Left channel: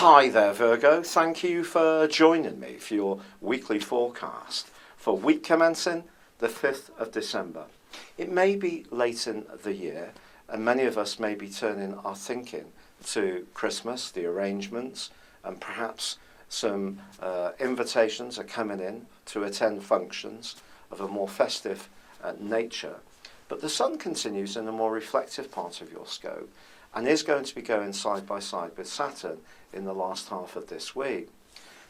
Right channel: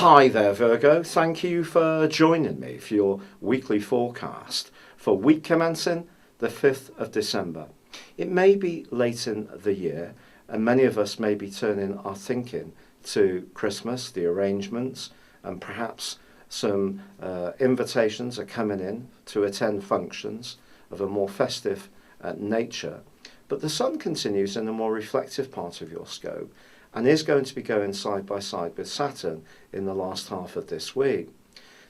Hi there, Virgo. Thank you for joining me for your weekly forecast for week commencing the 5th of December. It may be late in the year, and many of us may be turning our thinking to Christmas, the arrangements, and perhaps some invitations are coming in to attend functions of a more festive nature. But the Sun continues in the more reflective part of your scope and is going to be going side by side with Saturn in the last half of this week.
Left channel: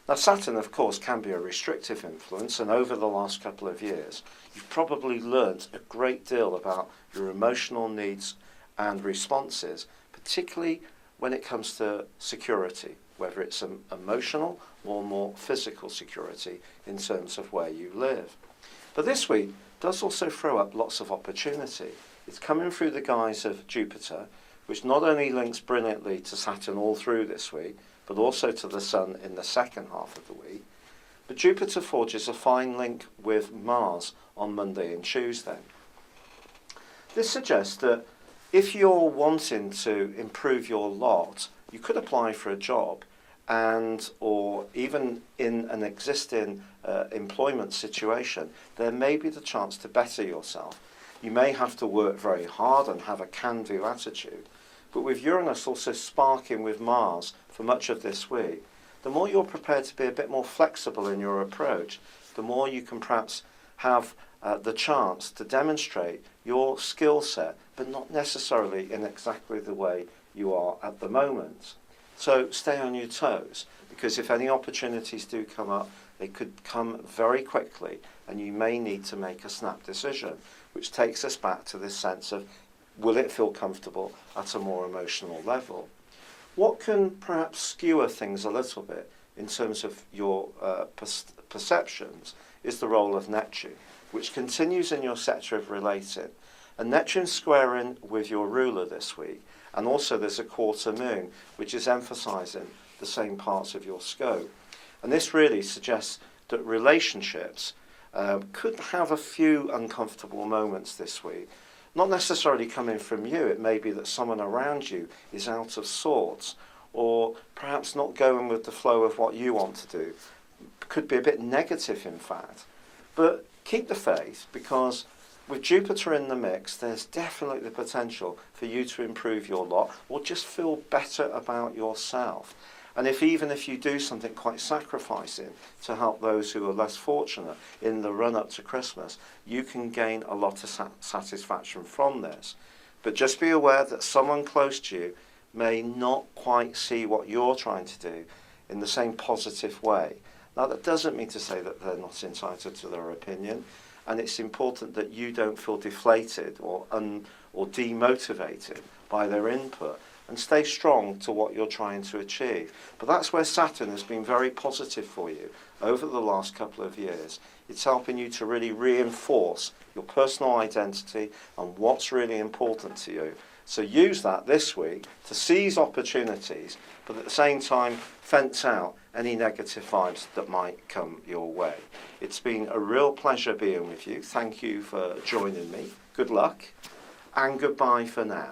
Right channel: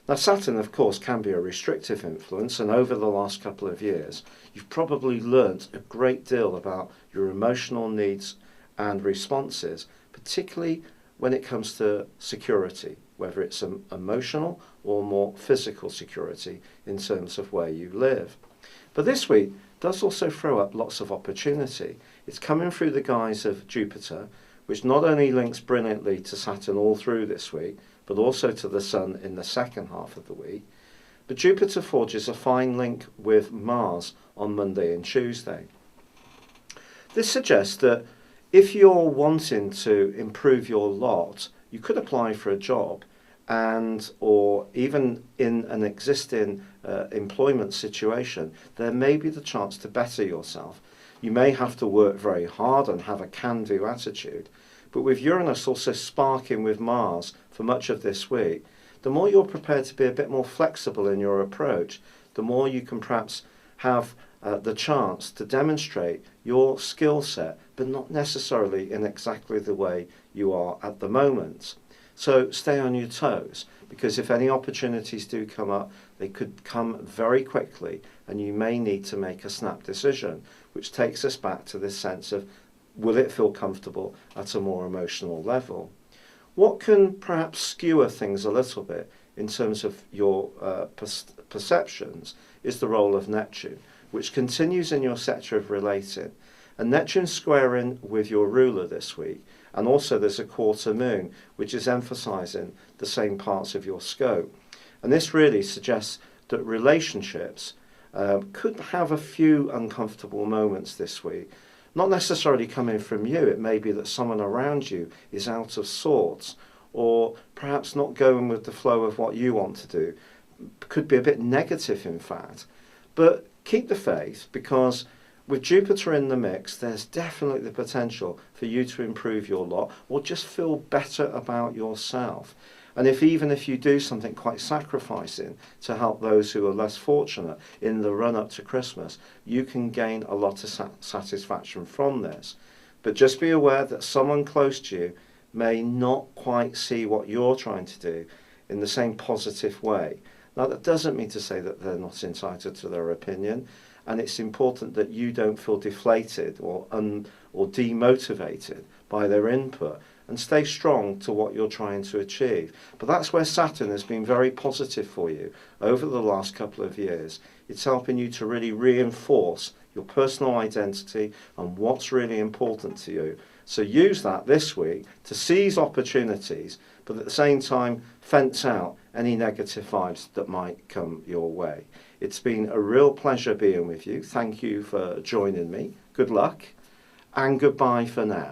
Now, Saturn, of course, can be a restrictive influence, and over the last couple of years, you've probably learnt a great deal about your emotional needs and responses, particularly when it comes to security, whether it's emotional or more physical security in terms of where you live. But this week does also throw up lots of opportunity. It's coming through the guise of Jupiter, which not only links brilliantly to Saturn all through this week, but also to the Sun in the second half of the week. But Jupiter forges a fine link with Mars on Monday and Tuesday. This suggests that if you're wanting to improve your lot, you could apply for a job or even in an existing employment situation, there may be the chance to better yourself. You may have to work very hard and have a can-do attitude, but with Uranus also sparking with Mars for much of this week, the more you're prepared to be a bit more flexible in your approach, the more you can perhaps have the chance to demonstrate your skill set, but not necessarily in exactly the way you are at the moment. So stay on your toes, because if any opportunities do come up, they could come very quickly, and you may need to make a snap decision, which takes us back to this sense of, will it feel comfortable at a more emotional level? What can perhaps skewer things a little bit in terms of your perceptions is the role of Neptune, which continues in your sector of relating. And Neptune squaring with your ruler this week, and also there's a quarter moon, which is emphasising the same parts of your scope. And this really suggests that relationships could have a few uncomfortable moments this week. Not necessarily coming from you, it may be that someone around you is out of sorts, or perhaps not going with the flow of what you want to do. Could be a bit negative, in fact. But keep the faith, because with Jupiter in the mix, there's definitely the potential for you to improve your lot, or just feel better about yourself. And even if you do something quite sacrificing to help those who are less fortunate in the run-up to Christmas, you can gain a lot of satisfaction from this. But just be aware that someone close to you may not quite see what you're trying to do in the same positive way. Now, that doesn't mean to say that they're not entitled to their opinion, and it's important that you don't feel deflated or demotivated by their input, and stay strong to what you're trying to achieve. But that's where Saturn has been very positive for you over the last couple of years. It's helping you to really reinforce your personal identity and what's really important to you. So use that this week to seize opportunities, but at the same time fence out any negative vibes that might come your way. It's been a real pleasure being with you. Thank you for joining me. Good luck, and goodbye for now.